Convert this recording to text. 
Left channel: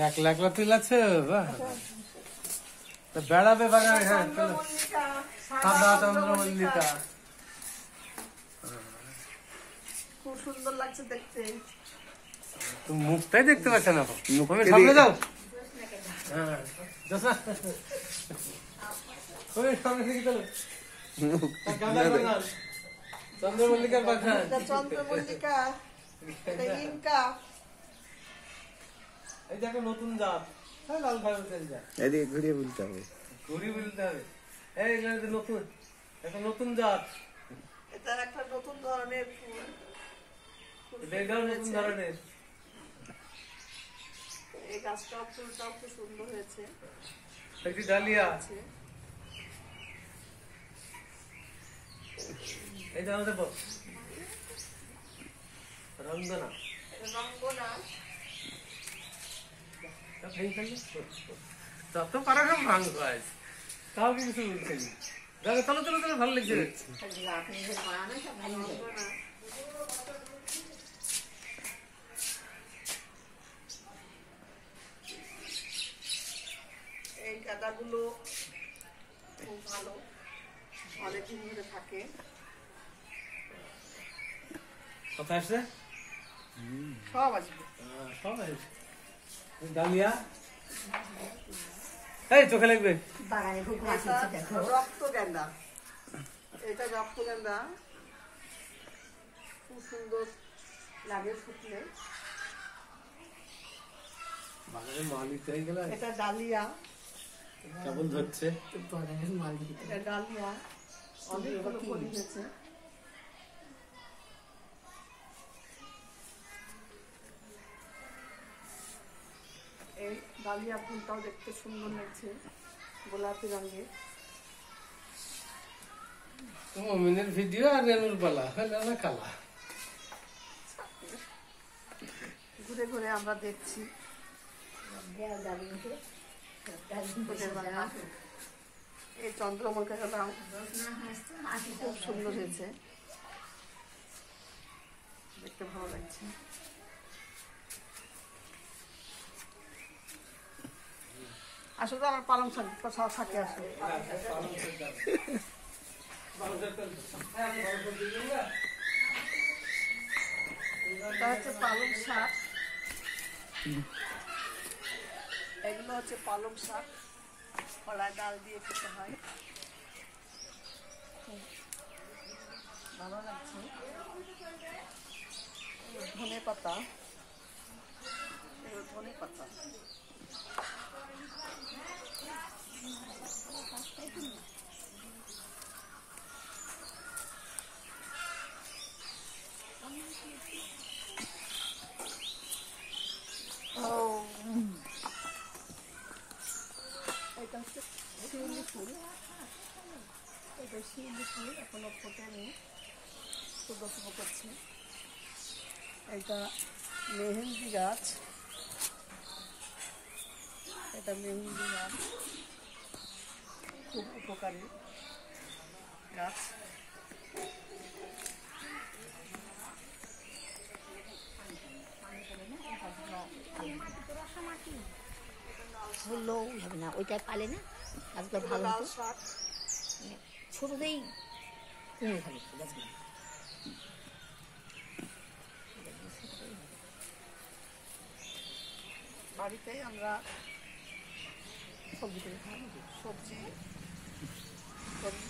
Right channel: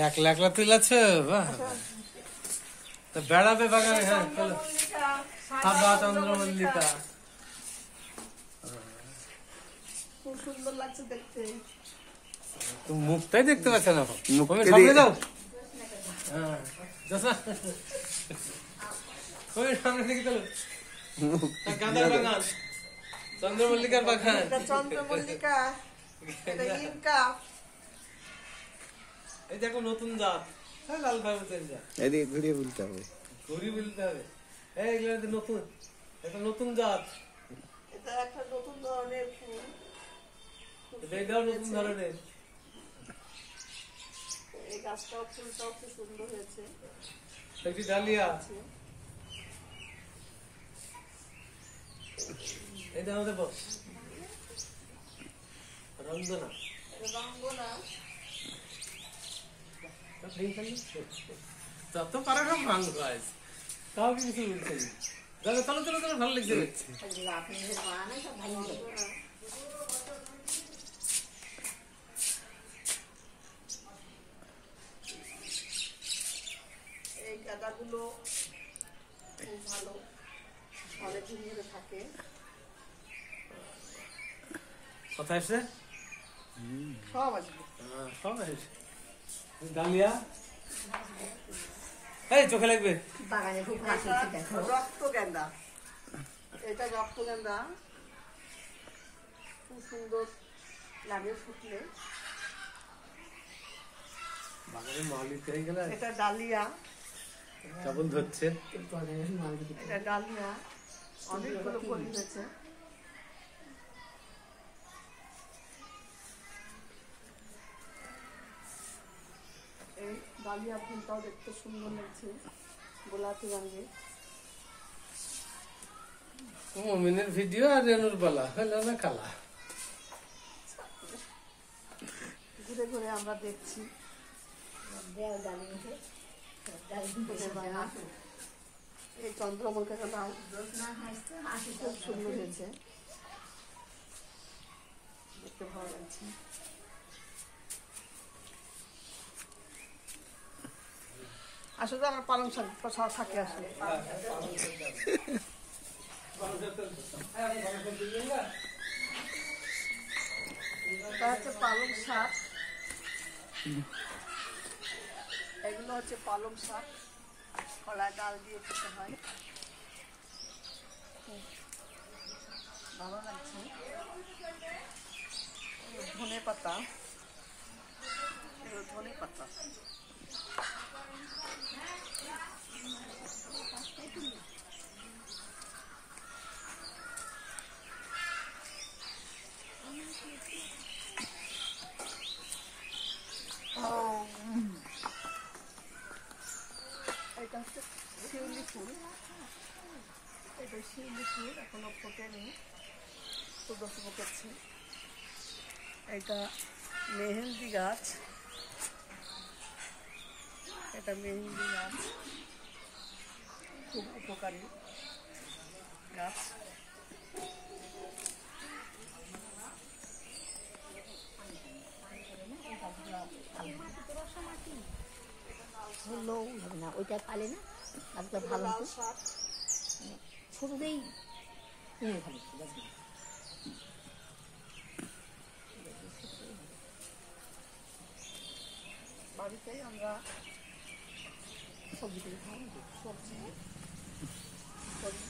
একলা একলা তুলেছে বাহ তো বেড়াবে বাগানে হ্যাঁ চলো সাদা চন্দ্রমল্লিকা খুব সুন্দর লাগছে দেখতে তুমি মুখটাই দেখতে পাচ্ছ না তুমি সামনে যাও হ্যাঁ তুমি সামনে দিকে চলো গাঁদা বাগান চন্দ্রমল্লিকার বাগান চন্দ্রমল্লিকা এটা ইনকা এই দেখো নতুন জাত লাল ভাই বলতেন যা এদিকে ঘুরিয়ে বলতে হবে ঘুরিয়ে বলতে হবে এইগুলো নতুন একটা নতুন জাত এটা একটা নতুন ধরনের ফুল এটাও নতুন ধরনের এই গাছটাও ফুলটাও খুব সুন্দর হয়েছে একটি ডালিয়া এই দেখো দেখো রঞ্জনা রঙ্গনা যত পারা সব ভাঙবো আজ তাও কিছু বলছে না দেখো চলো চলো চলো ভালো লাগছে এই গাঁদাগুলো খুব ভালো অনেকদিন ধরে থাকে কথা আসছে সব আসবে সব আসছে ডালিয়া এই চোখে লাগবে রক্ত গেন্দা এটা রক্ত গেন্দা খুব সুন্দর লাগে ফুটলে বাগানে মালিক হয়ে গেল এটা ডালিয়া কেবল ধরছে এটা ডালিয়া অনেকগুলো ফুল হয়েছে এই ডালিয়া ফুলটাও দেখতে সুন্দর লাগছে গোলাপি রঙের মমিনের ভিডিও আর রেনুর বালা হলো না কালা ঘুরে ঘুরে আমরা দেখছি এই চন্দ্রমল্লিকা গাছ খুব সুন্দর হয়েছে দেখতে ভালো লাগছে আসলে আমার পালং শাক শাকে আসলে এটা হচ্ছে পালং শাক এগুলো হচ্ছে পালং শাক কলায় ডাল দিয়ে খেতে হয় খুব ভালো লাগছে ধনে পাতা এগুলো ধনে পাতা এটা হচ্ছে শিউলি ফুল এটা শিউলি ফুল এখনো ফোটেনি শুধু শুধু করছে এটা মেহেন্দি গাছ এটা মেহেন্দি গাছ খুব উপকারী গাছ বললেও হবে না ওইটা পালে না আজকে ভালো লাল শাক ছোটতেই ভালো বাড়িতেই আমরা সবজি করি